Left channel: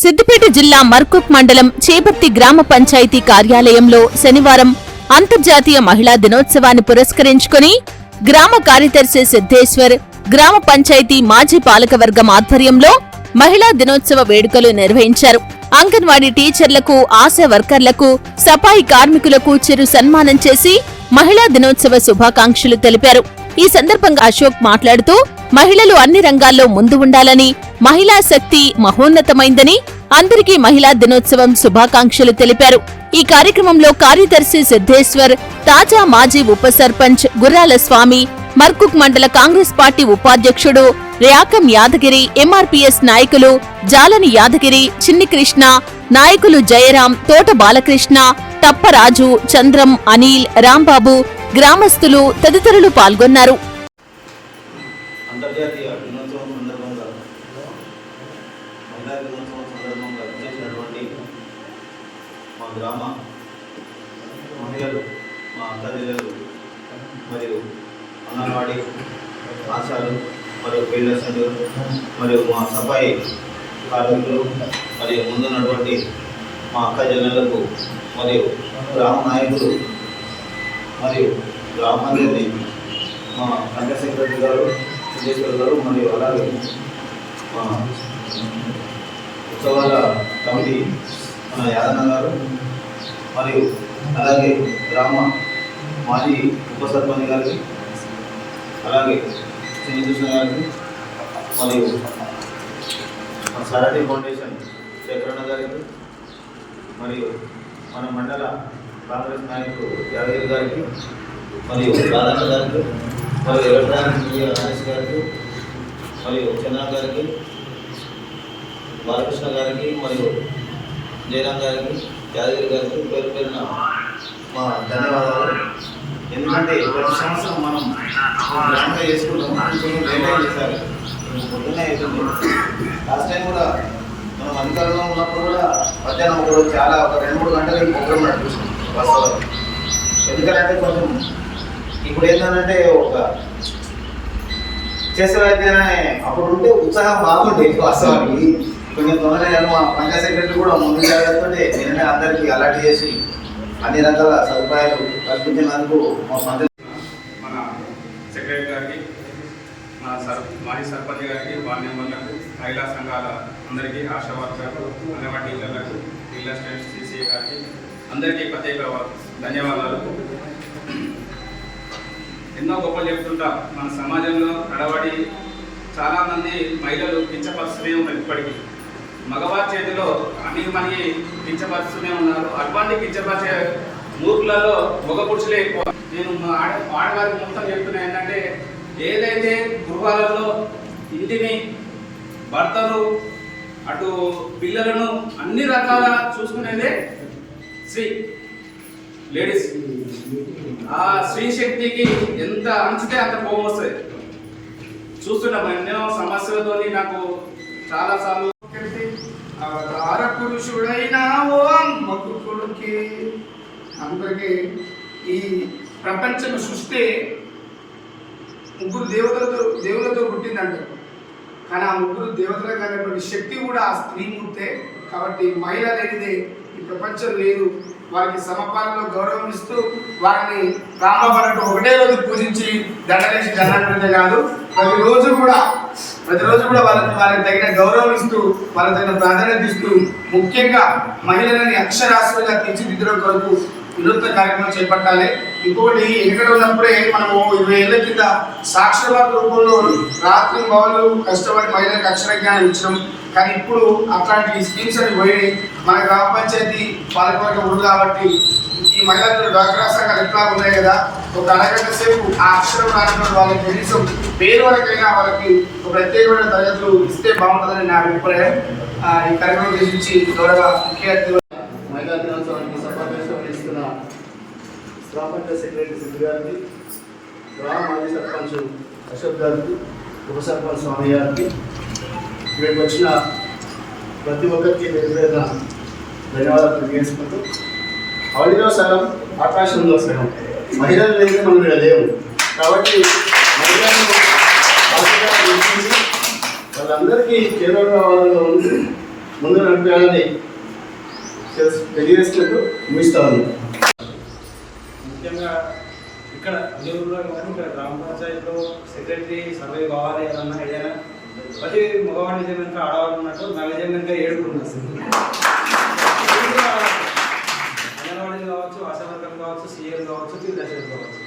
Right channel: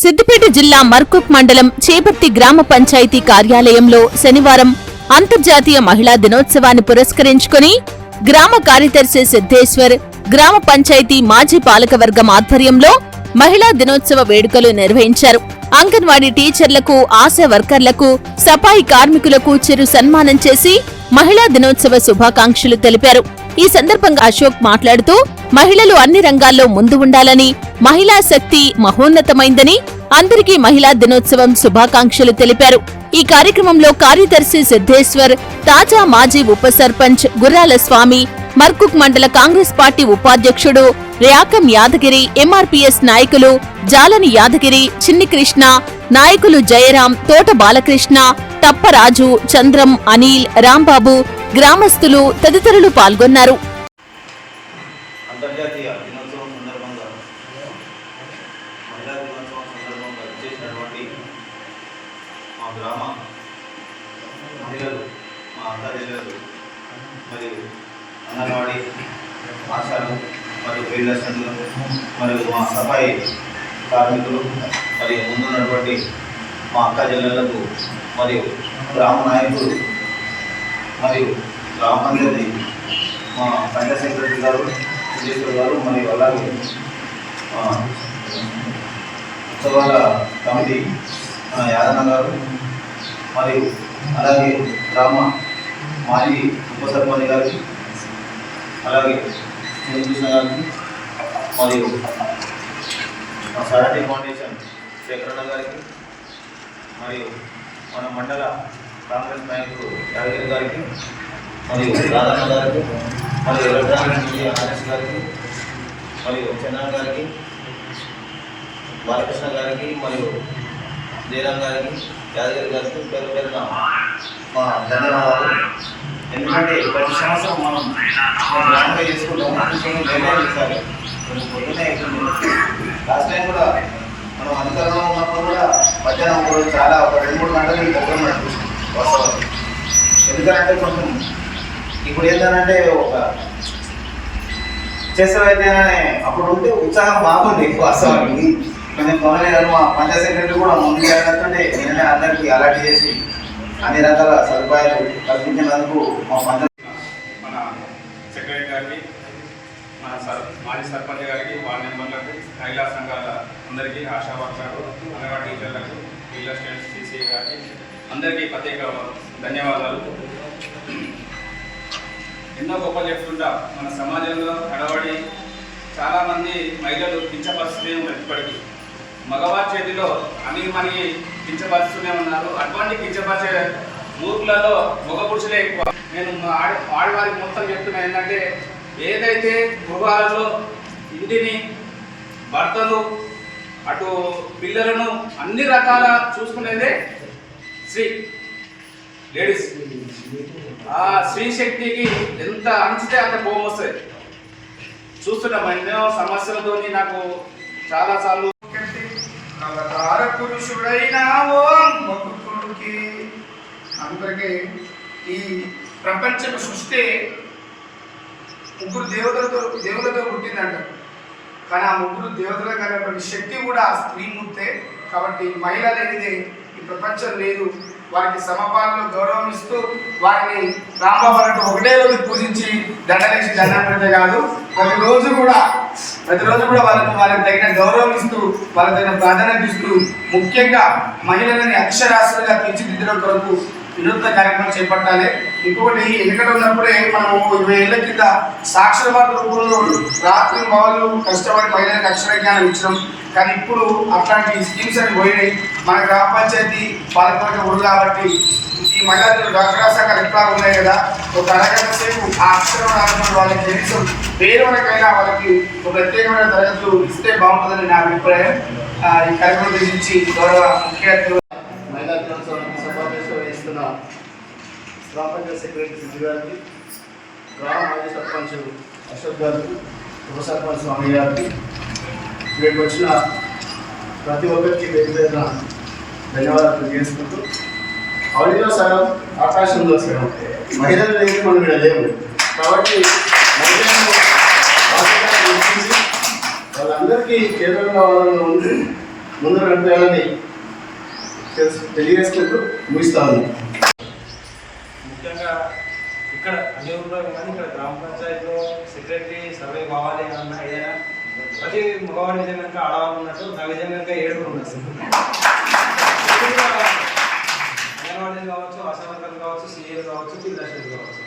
సిద్దిపేట జిల్లా మర్కుక్ మండలం చేపర్తి గ్రామ పంచాయతీ కార్యాలయంలో శనివారం అంతర్జాతీయ మహిళా దినోత్సవాన్ని పురస్కరించుకుని గ్రామ కార్యదర్శి సిద్ధేశ్వర్, గ్రామ పంచాయతీ మాజీ పాలకవర్గం ఆధ్వర్యంలో మహిళా దినోత్సవ వేడుకలు నిర్వహించారు. అంగన్వాడీ టీచర్లకు, ఆశా వర్కర్లకు, సఫాయి కార్మికులకు చిరు సన్మానం చేసి మహిళా దినోత్సవ శుభాకాంక్షలు తెలిపారు. ఈ సందర్భంగా అశోక్ మాట్లాడుతూ మహిళలు అన్ని రంగాల్లో ముందు ఉండాలని, మహిళా శక్తి మహోన్నతమైందని, అందరికీ మహిళా దినోత్సవం శుభాకాంక్షలు తెలిపారు. ఈ కార్యక్రమంలో కార్యదర్శి సిద్ధేశ్వర్, తాజా మాజీ ఉప సర్పంచ్ గుర్రాల స్వామి, మర్కుక్ మండల కాంగ్రెస్ పార్టీ ఉపాధ్యక్షుడు ర్యాకం యాదగిరి, ఎంఆర్పీఎస్ నాయకులు జాలని యాదగిరి, చిన్ని కృష్ణ, నాయకులు జయరాం, తోట బాలకృష్ణ, తప్పరాజు, చంద్రం, అనిల్, రాంబాబు, గ్రామస్తులు తదితరులు పాల్గొన్నారు. అంతర్జాతీయ దినోత్సవం సందర్భంగా మహిళా దినోత్సవం సందర్భంగా చేసినటువంటి మా గ్రామ మహిళలు, మా అక్కచెల్లెలు మరియు అంగన్వాడీ ఆశాలు మరియు వీరదర్శకులు మరియు మా సఫాయి కార్మికులు మరియు ముందున్నటువంటి మా అక్కచెల్లెలకు మరియు గ్రామ నాయకులు మరియు గ్రామ పంచాయతీ మా పంచాయత్ సెక్రటరీ గారు విజయేశ్వర్ గారు మరియు అలాగే ఉత్సవాల కమిటీ మన యాదన్న గారు మరియు అలాగే గ్రామ మాజీ ఉప సర్పంచ్ గారికి, అలాగే చిన్నకృష్ణ గారికి మరియు మా సరటి ఫౌండేషన్ శేఖరన్న గారికి మరియు మన మండల కాంగ్రెస్ నాయకుడు యాదగిరి గారికి మరియు రాధన్న గారికి మరియు ఎలక్ట్రానిక్ మీడియా ఆర్ఎస్ గారికి మరియు చంద్ర గారికి, బాలకృష్ణ గారికి మరియు జయరాం గారికి, యాదగిరి గారికి పేరు పేరున మా ధన్యవాదాలు. ఎందుకంటే ప్రతి సంవత్సరం మనం గ్రాండ్గా చేసుకుంటాము, కొంచెం లేట్ చేస్తారు, కొంచెం పొద్దున్నే అవుతుంది. లాస్ట్ టైం కూడా మనం అధికారంలో ఉన్నప్పుడు కూడా మధ్యాహ్నం ఒకరోజు చాలా ఒక 2-3 గంటలకి ప్రోగ్రామ్ నడిపిస్తుంది బస్సు. ఎందుకంటే కొంచెం ఇప్పుడు ఏంటంటే ఒక చేసేవైతే అప్పుడు ఉంటే ఉత్సాహం బాగుండే వాస్తవానికి. కొంచెం గమనించారు, మా పంచాయత్ సెక్రటరీ కూడా ముందు జాగ్రత్త నిన్ననే అందరికీ అలర్ట్ చేసి అన్ని రకాల సదుపాయాలు కల్పించినందుకు మా పంచాయతీ మన సెక్రటరీ గారికి, మన మాజీ సర్పంచ్ గారికి, వార్డు మెంబర్లకు, మహిళా సంఘాల అందరికీ, ఆశా వర్కర్లకు, అంగన్వాడీ టీచర్లకు, రియల్ ఎస్టేట్ సిసిఐ గారికి అందరికీ ప్రత్యేక ధన్యవాదాలు. ఎన్నో గొప్పలు చెప్తుంటా మన సమాజంలో నడవడి చాలామంది మహిళలు కించపరుస్తూనే ఉన్నారు. ఇప్పటికీ మగవారి చేతిలో అన్ని మనకి కించపరుస్తూనే ఉన్నారు. అటువంటి కించపరిచే మూర్ఖులలో మగ పురుషులే ఎక్కువ. నేను ఆడవారికి మొత్తం చెప్తున్నా ఏంటంటే, ఏదైతే గృహాలలో ఇంటిని, భర్తలు, అటు పిల్లలను అన్ని రకాల చూసుకునేదే స్త్రీ, లేడీస్. ఆ స్త్రీ శక్తికి ఎంత అణచితే అంత కోపం వస్తుంది. చూస్తున్నాం ఎన్నో సమస్యలతో నాకు చాలాసార్లు అవతార పురుషుడైన ఓ మక్కుకుడికి అందరికీ ఈ ప్రపంచం సృష్టి ముగ్గురు దేవులతో పుట్టిందంటారు. కానీ ఆ ముగ్గురు దేవతలకు కలిగినటువంటి శక్తి కూడా ఆ స్త్రీమూర్తే. కాబట్టి మహిళ అనేది ఈ ప్రపంచం లేదు. వారికి సమపాలలో గౌరవం ఇస్తూ వారిని రామబాబు ఒకటే రోజు పూజించి దండలేసి దండం పెడితే కాదు, ప్రతిరోజు కూడా వారికి తగిన గౌరవం ఇస్తూ, వాళ్ళకి తగిన ప్రాధాన్యత ఇస్తూ, ముఖ్యంగా మహిళలని అక్షరాస్యులుగా తీర్చిదిద్దడం కొరకు వినూత్న కార్యక్రమం చేపట్టాలి. ఇంకొకటి, ఎక్కడ ఉన్నప్పుడే మనము 20 ఏళ్ల కింద సాక్షరవాద రూపంలో రాత్రి మహిళలు కష్టపడి మహిళలకు అక్షర జ్ఞానం ఇచ్చినాం. కానీ ఇప్పుడు అట్లాంటి స్కీమ్స్ అని పోయినాయి. మన గ్రామ పంచాయతీ పాలకవర్గం ఉంది కాబట్టి ఈ మహిళలు డాక్టర్ సంఘాలు ఎట్లా ఉన్నాయి కదా, ఒక అరగంట సేపు ఆ అక్షరం రానప్పుడు వాళ్ళకి కనీసం పేరు వరకైనా వాళ్ళకి ఒక ప్రత్యేకమైన తరగతులు ఇస్తే బాగుంటుందని నా అభిప్రాయం. ఈ కార్యక్రమం గురించి గౌరవ ముఖ్య అతిథి మహిళా దినోత్సవానికి సభాధ్యక్షులు వహిస్తున్న గ్రామ పంచాయతీ సెక్రటరీ సిద్ధి గారికి, గ్రామ మాజీ సర్పంచ్ అశోక్ గారికి, ఉప సర్పంచ్ స్వామి గారికి, ఇక్కడికి వచ్చిన ప్రతి ఒక్కరికి వేరువేరున ధన్యవాదాలు తెలియజేసుకుంటూ, అడవిలో సగం ఆకాశంలో సగం మహిళలు లేని మనం ఇక్కడ లేవు. కాబట్టి మహిళలను వాళ్ళందరికీ చేరువగా ఉంది. ముందు నడిపేయాలని తెలియజేసుకుంటూ ముగిస్తాను. ముఖ్యంగా ఇక్కడ అన్ని ఊళ్ళో కానీ ఇక్కడ గ్రామ పంచాయతీలో సెక్రటరీ సర్వే కావాలి అన్న ఐడియా ప్రతి మగవాడి నిజం కనుక ఆడవాళ్ళు ఉన్నట్టు నా నిజం కనుక 7 ఉంది అసలు. అంగన్వాడీలు కావచ్చు, ఆశావర్కర్లు కావచ్చు, సీఏలు కావచ్చు, ఫీల్డ్ అసిస్టెంట్లు కావచ్చు.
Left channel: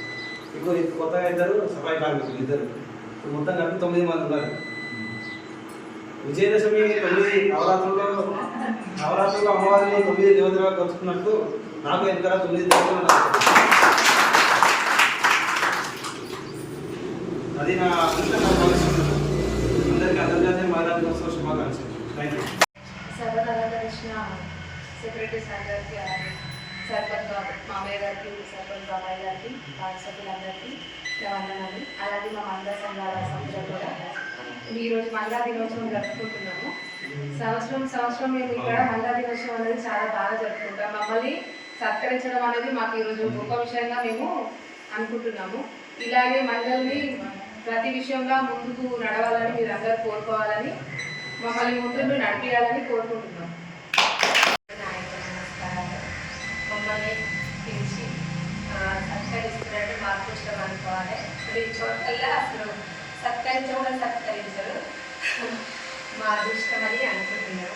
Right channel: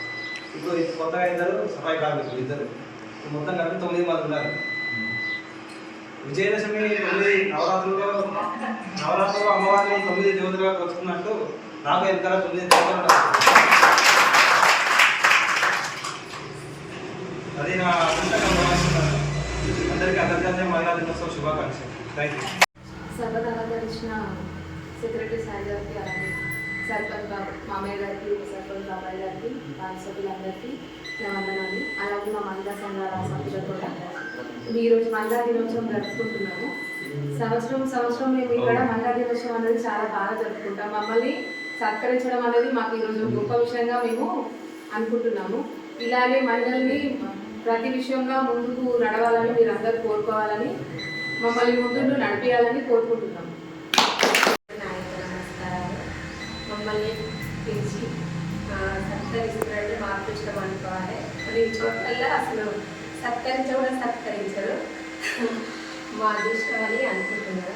ఇప్పుడు కొత్తగా 2 సఫాయి కార్మికులు 2 మొత్తం కలిపి 9 మంది ఉన్నారు. విజయదశమి 9 నవరాత్రుల్లో అమ్మవారిని 9 దేవతలుగా కొలుచుకున్నట్టు నాకు వెనకాల 9 దేవతలు. అది నా అదృష్టంగా భావిస్తున్నాను. అందరికీ అంతర్జాతీయ మహిళా దినోత్సవ శుభాకాంక్షలు. Thank you. సభను అలంకరించిన సెక్రటరీ సార్ గారికి, అలాగే సర్పంచ్ మామయ్య గారికి, ఉప సర్పంచ్ బాబాయ్ గారికి, వార్డు సభ్యులందరికీ వందనాలు. అలాగే మా మహిళా సంఘాల సభ్యులకు కూడా ఈరోజు మహిళా దినోత్సవం జరుపుకుంటున్నాము. సంవత్సరం మేము ఇక్కడ మహిళా దినోత్సవం అనేది చాలా బాగా జరుపుకుంటాం. మమ్మల్ని సత్కరించడం అనేది మాకు ఈరోజు గొప్ప విషయంగా మేము అనుకుంటున్నాము. ఇలాగే మహిళల్ని ప్రతి విషయంలో ముందుకు నడవాలని మీరందరూ కోరుకోవాలని, మమ్మల్ని ముందు నడిపించాలని కోరుకుంటున్నాము. నమస్కారాలు. మమ్మల్ని పిలిచి సత్కరిస్తున్నారంటే మాకు ఇష్టం అనుకోవాలి. కొన్ని చోట్ల అసలు సత్కరించరు, మా అదృష్టం అని అనుకుంటున్నాం.